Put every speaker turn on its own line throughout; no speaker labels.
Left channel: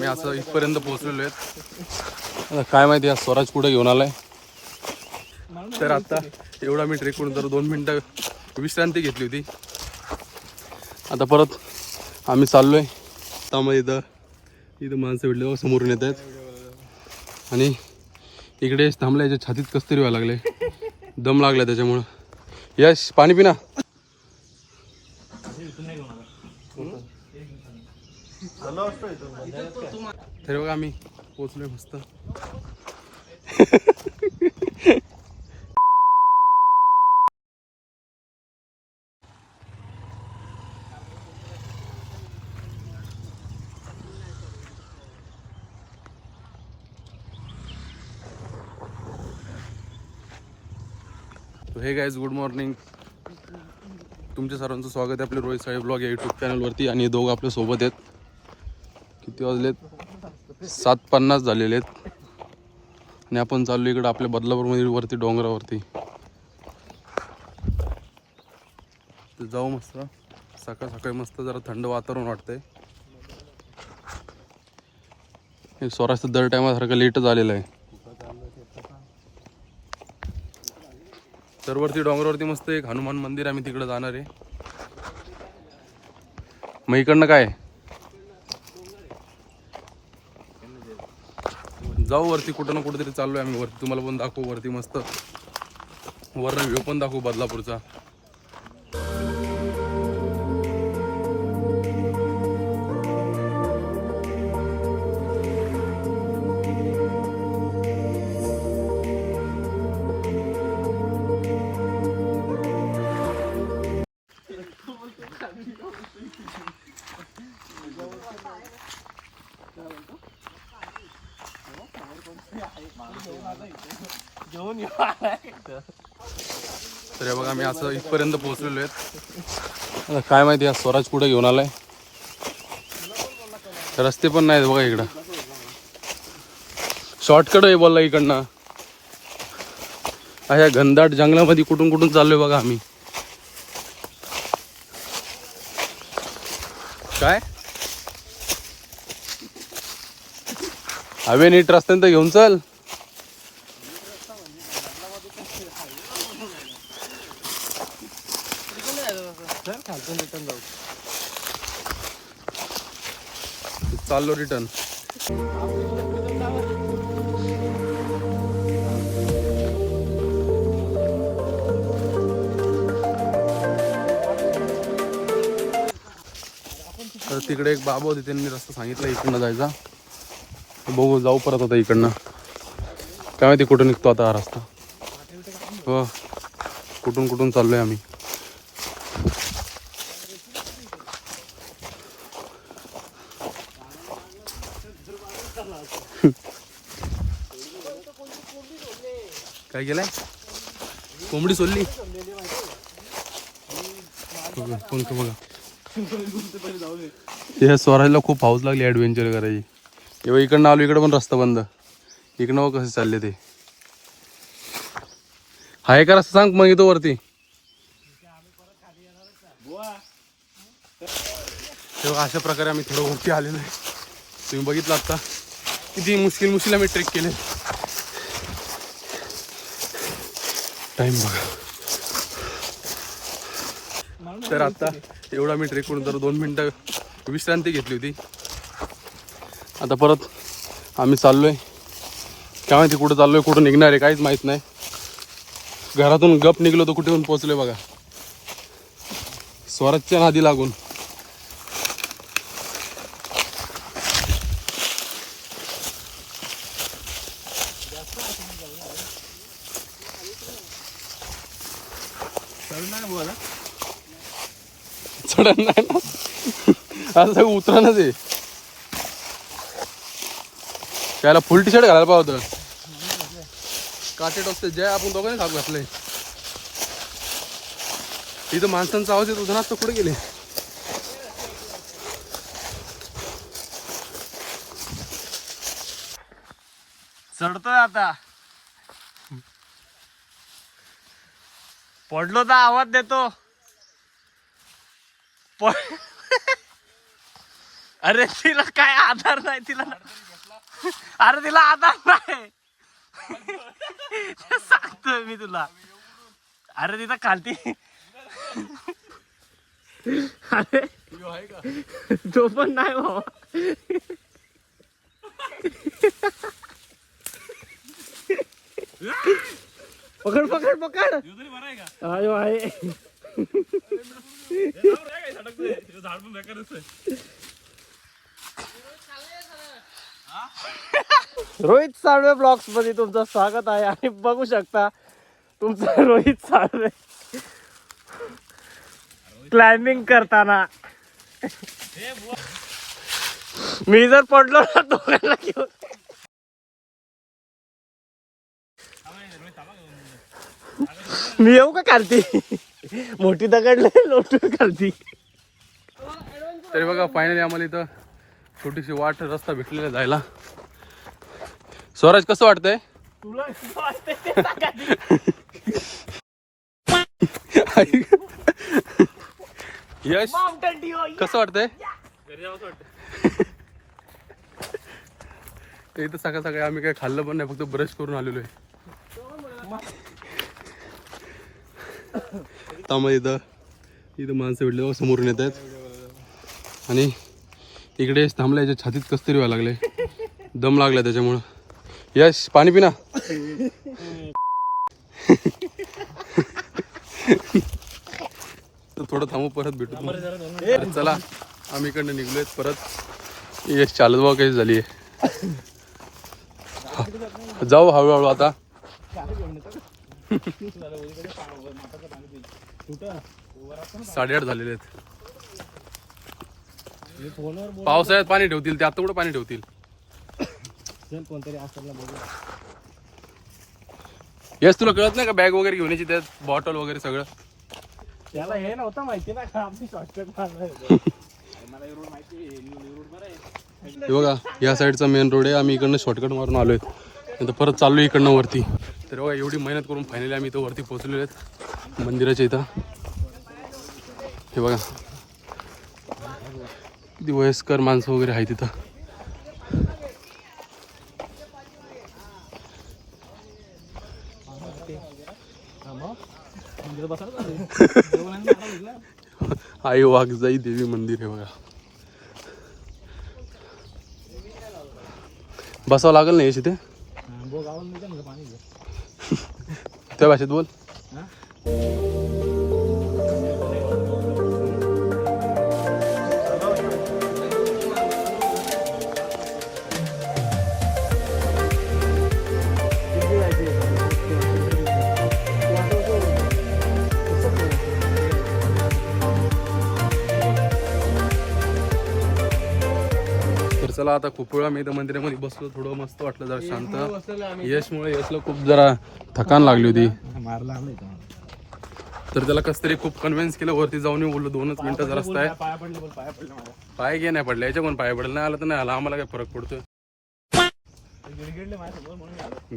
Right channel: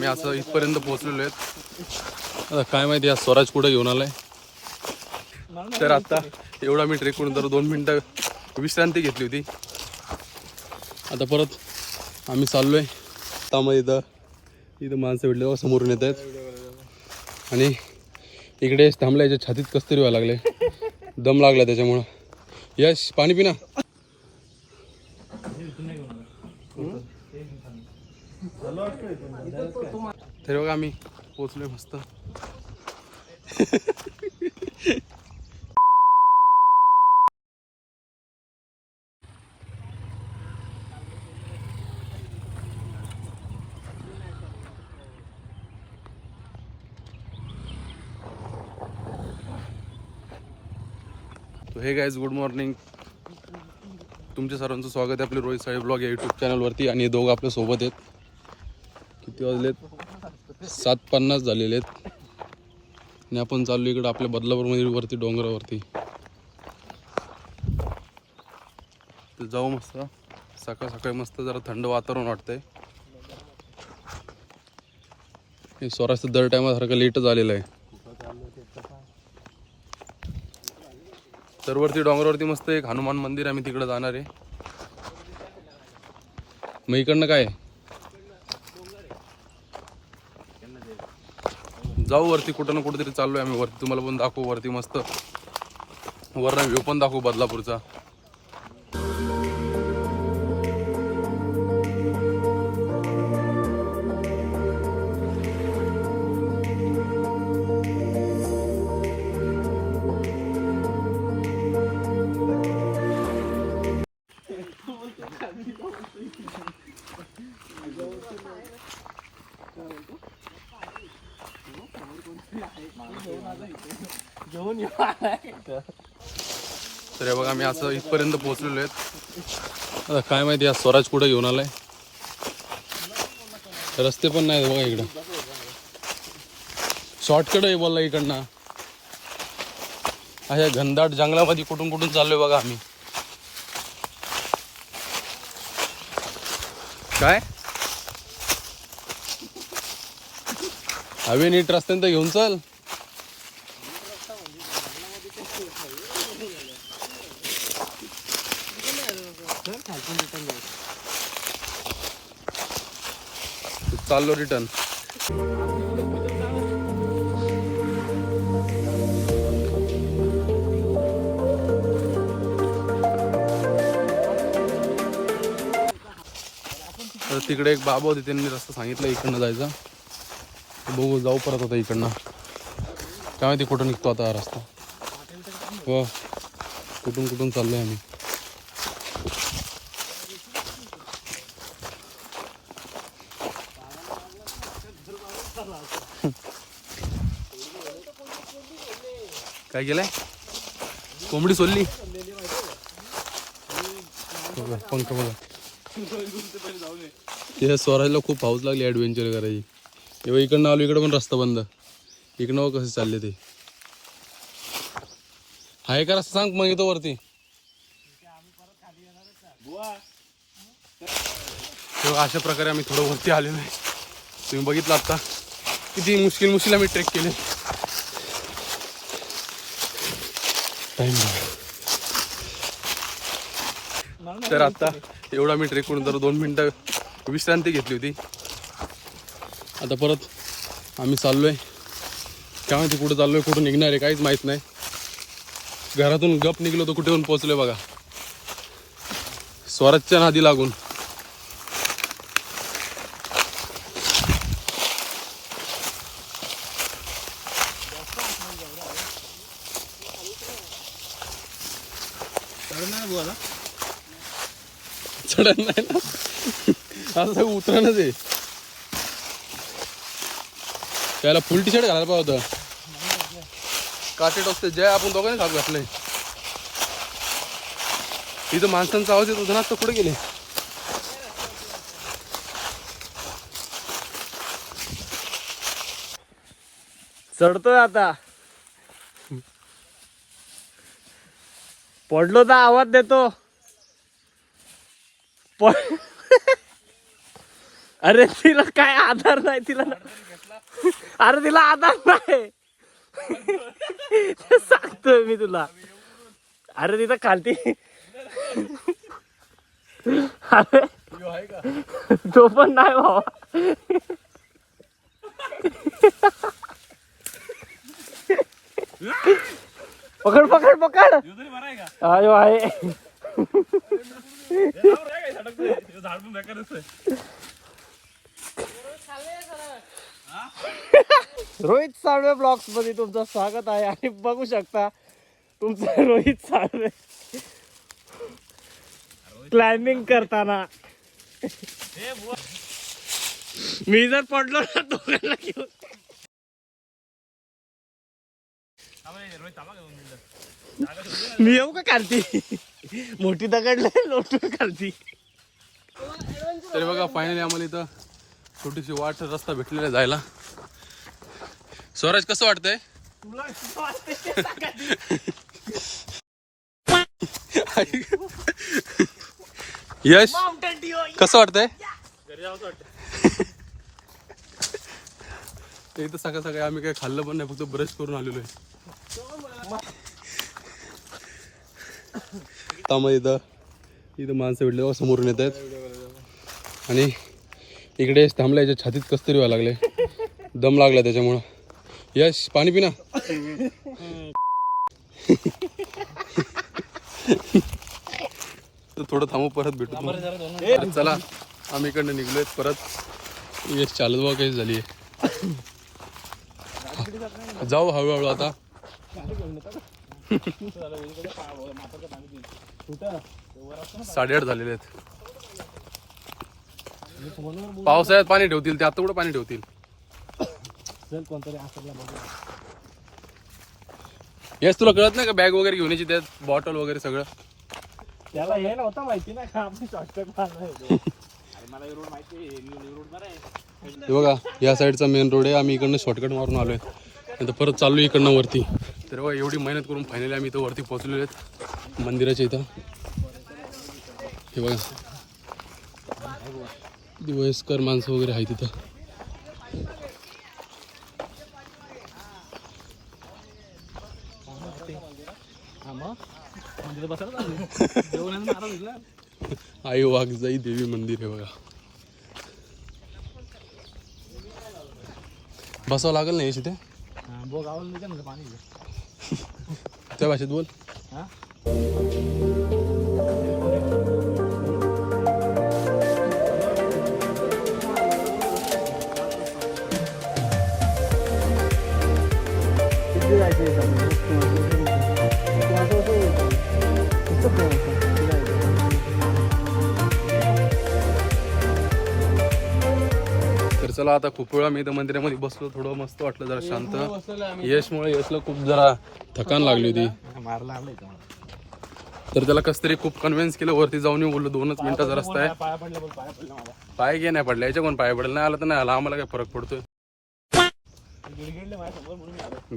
हे आम्ही असं इथपर्यंत पोहोचलेलो आहेत. आता काय माहिती आज स्वराज कुठे घेऊन आलाय? तर आता एवढा मी ट्रेक करून तर दोन मिनटं विश्रांती घेतली होती. आता परत आम्ही चाललोय. त्यामुळे इथं इथं माणसं भेटले बघा समोरून येत आहेत. आणि इकडे थांबल्या याच्या छातीत कस्तरी व्हायला लागले. दम लागला त्याच्यामुळं. यश पाणी पिना तरी बघा आम्ही पोचलोय मस्त. हे गाईज गुड मॉर्निंग तुमच्या सर्वांचं स्वागत आहे आपले रोहित साहेब ब्लॉग या यूट्यूब चॅनलवरती आणि दोघं आपल्यासोबत आहेत. किती वाजलेत? सात पन्नास झालेले आहेत. आणि आपण चाललो इकडं आपल्या बदलापूरमध्ये वरती डोंगरावरती. जाऊ मस्त. सकाळ सकाळी मस्त जरा थंड वातावरण वाटतंय. हे स्वराज दर टायमासारखं लेटच आलेलं आहे. दरवरती डोंगरावरती मस्त एक हनुमान मंदिर आम्ही तिकडे जाणार आहे. मग इकडनं काय? जाऊ वरती कुठं ना कुठेतरी चाललोय आम्ही वरती. तुम्हाला पण दाखवू वरती मस्त. वरनं व्ह्यू पण दाखवू बदलापूरचा. तर हे बघा आम्ही असं इथपर्यंत पोहोचलेलो आहेत. आता काय माहिती आज स्वराज कुठे घेऊन आलाय? रस्ते पण नाहीत बघा इकडं. शॉर्टकट आहे बोलला इकडनं. अशा घनदाट जंगलामध्ये कुठून कुठून चाललोय बघा आम्ही. काय? हवे नीट रस्त्यानं तर घेऊन चल. चाललो रिटर्न तर तिकडे एक बाबा होते त्यांनी रस्ता सांगितलं इकडनं जायचा. बघू जाऊ परत आता इकडनं. काय माहिती कुठून निघतो आता हा रस्ता. हो. कुठून कुठून चाललोय आम्ही. काय केलंय? कोंबडी सोडली. स्वराजला खूप हाऊस लागली ऍडव्हेंचर करायची. तेव्हा इकडनं आलो इकडं पण रस्ता बंद. इकडनं कसे चालले ते. हाय का रस्ता सांग मग येतो वरती. तेव्हा अशा प्रकारे आम्ही थोडं वरती आलेलो आहे. तुम्ही बघितलं आता. किती मुश्किल मुश्किल आम्ही ट्रेक केले. टाइम बघा. तर आता एवढा मी ट्रेक करून तर दोन मिनटं विश्रांती घेतली होती. आता परत आम्ही चाललोय. काय माहिती कुठं चाललोय कुठं निघणार आहे काहीच माहीत नाही. घरातून गप निघलो तर कुठे पोहोचलोय बघा. स्वराजच्या नादी लागून. चढत नाही ना. असं उतरणच आहे. त्याला फुल टी शर्ट घालायला पाहिजे होतं. काटे टोचते. जय आपण दोघांनी साप घातलंय. इथं माणसांचा आवाज येत होता ना तर कुठे गेले?
चढतोय आता. पडलो तर आवाज देतो. प- अरे तिला काय आधार नाही तिला अरे तिला आधार नाही. सांगतोय मी तुला. अरे तिथं खालती अरे तो पण नाही बाबा पकड पकड पकड. अयो आहे रोहित साळवे ब्लॉग्समध्ये तुमचं स्वागत आहे आणि बघू शकता तुमचं रोहित साळवे क्लाइम्बिंग करताना. मी जर पडलो ना दोघांना घेऊन मी येऊ का खालती मोठी दगडले लोटून खालती
तरी बघा फायनली आम्हाला इथं छोटीशी वाट रस्ता भेटलेला जायला. स्वराज कसं वाटतंय. यश कसं वाटतंय? ते इथं सकाळ सकाळी आम्ही काही खाल्लं पण नाही फक्त ब्रश करून आलेलो आहे. त्यामुळे इथं. इथं माणसं भेटले समोरून येत आहेत. आणि इकडे थांबल्या याच्या छातीत कस्तरी व्हायला लागले. दम लागला त्याच्यामुळं. यश पाणी पिना. तर थोडं थांबू परत भेटू चला आम्ही इकडनं निघलोय परत यश चालत बघा कशी झाली जाऊ हळूहळू आता. साडेआठ झालेले आहेत. पावसाळ्यात पाणी ठेवतील ते. आता कुठं पाणी ठेवतील?
चल कोणतरी असला बघू.
येस तुला कळत नाही का बॅग वगैरे घेऊन यायची त्यात बॉटल वगैरे सगळं?
त्याला हे नव्हतं माहिती ना का आपण शॉर्टकट मारणार
बघा या साईडचा मेन रोड आहे. आम्ही इकडनं शॉर्टकट मारून आलोय. नंतर परत चाललो इकडनं वरती. तर बघा एवढी मेहनत करून फायनली आम्ही इथं वरती पोहोचलेलो आहेत. मंदिराच्या इथं. हे बघा. किती वयस्कर माणसं वगैरे आहेत तिथं आई वाघजाई देवी मंदिर आहे बघा. बसावं लागेल नाही तिथे त्या भाषेत बोल. चला आता खूप वेळा मी इथं मंदिरामध्ये बसलो थोडं मस्त वाटलं जरा शांत. यशमुळे यशला खूप जरा थकान लागली होती. तर त्याला कस तरी खूप कन्व्हिन्स केलं वरती जाऊन बोललो दोनच मिनिटाचा रस्ता आहे.
पाया
घे नाही पडले याच्या कोण पाय पडलं नाही आला तर नाही आला आम्हाला काय फरक पडतोय?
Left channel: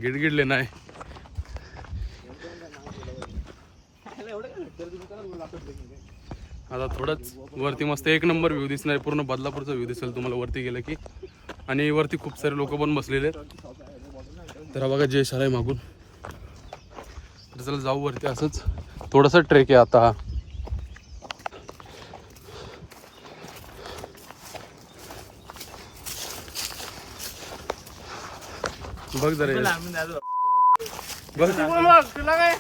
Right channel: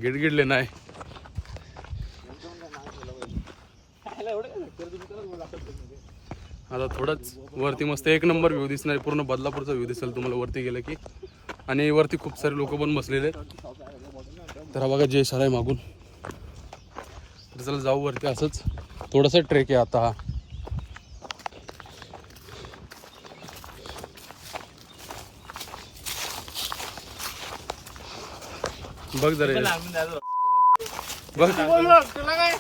गिडगिडले
नाही. आता थोडंच वरती मस्त एक नंबर व्ह्यू दिसणार पूर्ण बदलापूरचा व्ह्यू दिसेल तुम्हाला. वरती गेलं की. आणि वरती खूप सारे लोक पण बसलेले आहेत. तर हा बघा जय आहे मागून. तर चला जाऊ वरती असंच. थोडासा ट्रेक आहे आता बघ जरा बघ.
तुला काय?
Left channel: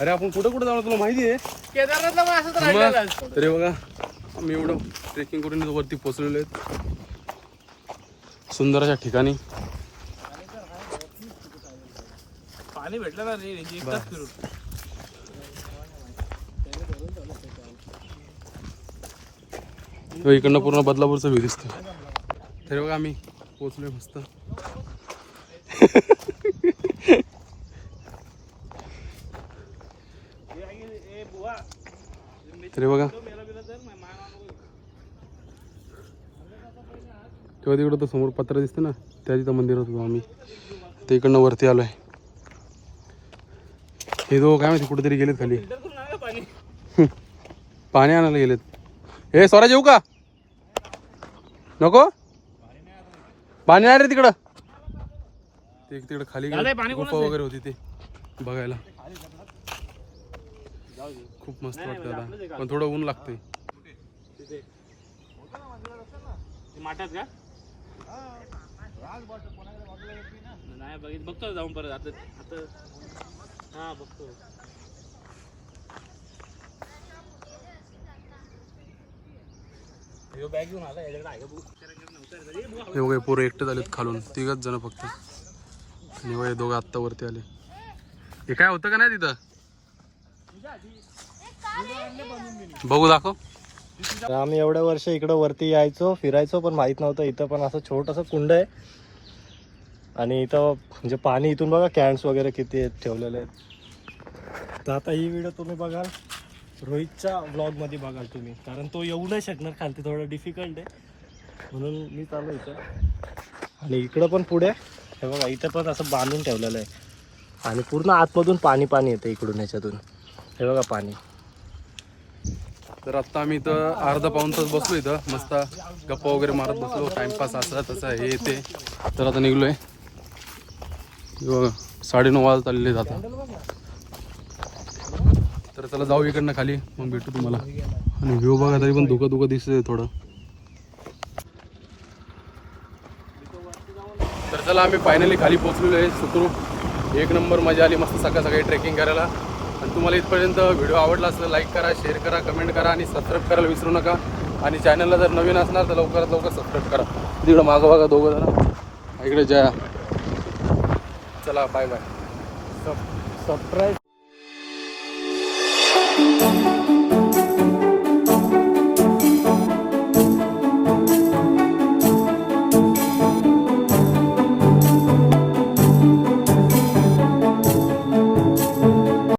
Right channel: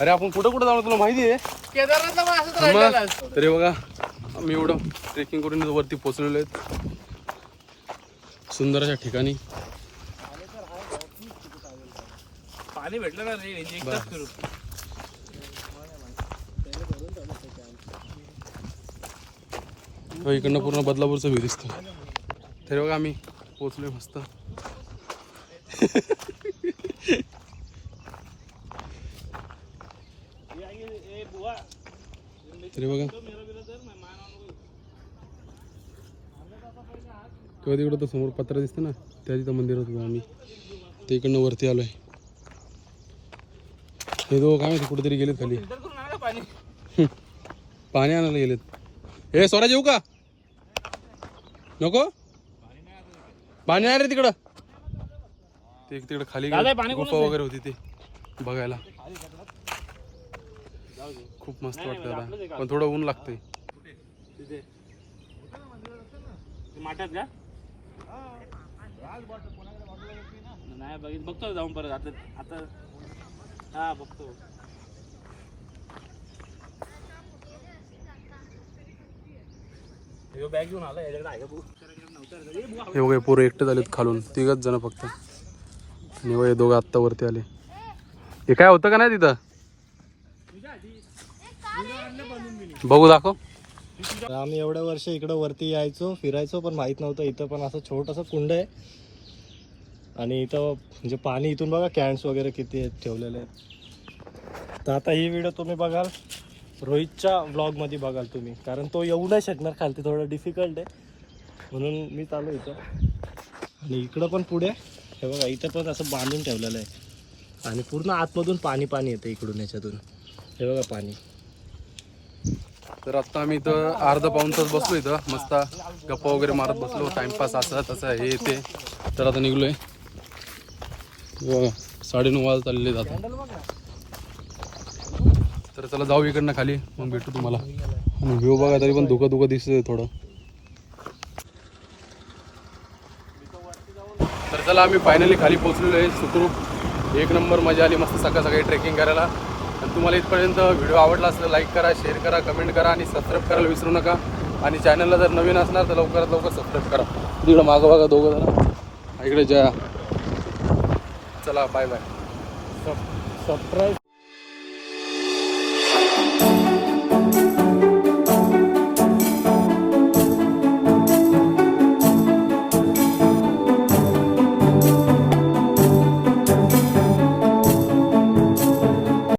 अरे आपण कुठं कुठं जाणार तुला माहिती आहे?
केदारनाथला पण असंच राहिलेलं आहे.
मग तरी बघा आम्ही एवढं ट्रेकिंग करून इथं वरती पोचलेलो आहेत. सुंदर अशा ठिकाणी.
पाणी भेटलं ना रे एकदाच फिरू
इकडनं पूर्ण बदलापूरचं व्ह्यू दिसतं तरी बघा आम्ही पोचलोय मस्त. तरी बघा. तेव्हा तिकडं तर समोर पत्र दिसतं ना त्या तिथं मंदिर होतं आम्ही. ते इकडनं वरती आलोय. हे दोघं काय माहिती कुठेतरी गेलेत खाली.
पाणी
आणायला गेलेत. हे स्वराज येऊ का? नको? पाणी नाही रे तिकडं. ते तिकडं खाली गुफा
आहे?
वगैरे होती ते बघायला. खूप मस्त वाटतं
म्हणजे?
पण थोडं ऊन लागतंय.
का? नाही बघित बघतो जाऊन परत. आता आता हा बघतो?
हे बघा पोरं एकटे झालेत खालून. तिघच जण फक्त. आणि बघा दोघं आत्ता वरती आले. हे काय होतं का नाही तिथं? बघू दाखव.
आम्ही एवढ्या वर्ष इकडं वरती यायचो फिरायचो पण माहीत नव्हतं. इथं पण असं छोटंसं कुंड आहे. आणि इथं म्हणजे पाणी इथून बघा कॅन्स वगैरे किती आहेत ठेवलेले आहेत. तर आता ही व्हिडिओ तुम्ही बघाल. रोहितच्या व्लॉगमध्ये बघाल तुम्ही. कारण तो येऊ नाही शकणार खालती थोडं डिफिकल्ट आहे. म्हणून मी चालू इथं. आणि इकडं पण पुढे हे बघा इथं पण असं बांधून ठेवलेलं आहे. आणि पूर्ण आतमधून पाणी पाणी येतं इकडून ह्याच्यातून हे बघा पाणी.
तर आत्ता आम्ही इथं अर्धा पाऊन तास बसलो इथं. मस्त गप्पा वगैरे मारत बसलो. टाइमपास असा तसा हे ते. तर आता निघलोय. साडे नऊ साडेनऊ वाजत आलेले जाता तर चला जाऊ इकडनं खाली. मग भेटू तुम्हाला. आणि व्ह्यू बघा तरी पण धुकं धुकं दिसतंय थोडं. तर चला आम्ही फायनली खाली पोचलेलो आहे. सुखरूप. एक नंबर मजा आली. मस्त सकाळ सकाळी ट्रेकिंग करायला. आणि तुम्हाला इथपर्यंत व्हिडिओ आवडला असेल लाईक करा शेअर करा कमेंट करा आणि सबस्क्राईब करायला विसरू नका. आणि चॅनलला जर नवीन असणार तर लवकरात लवकर सबस्क्राईब करा. तिकडं मागं बघा दोघं जरा इकडे जया चला बाय बाय
सब सरप्राईज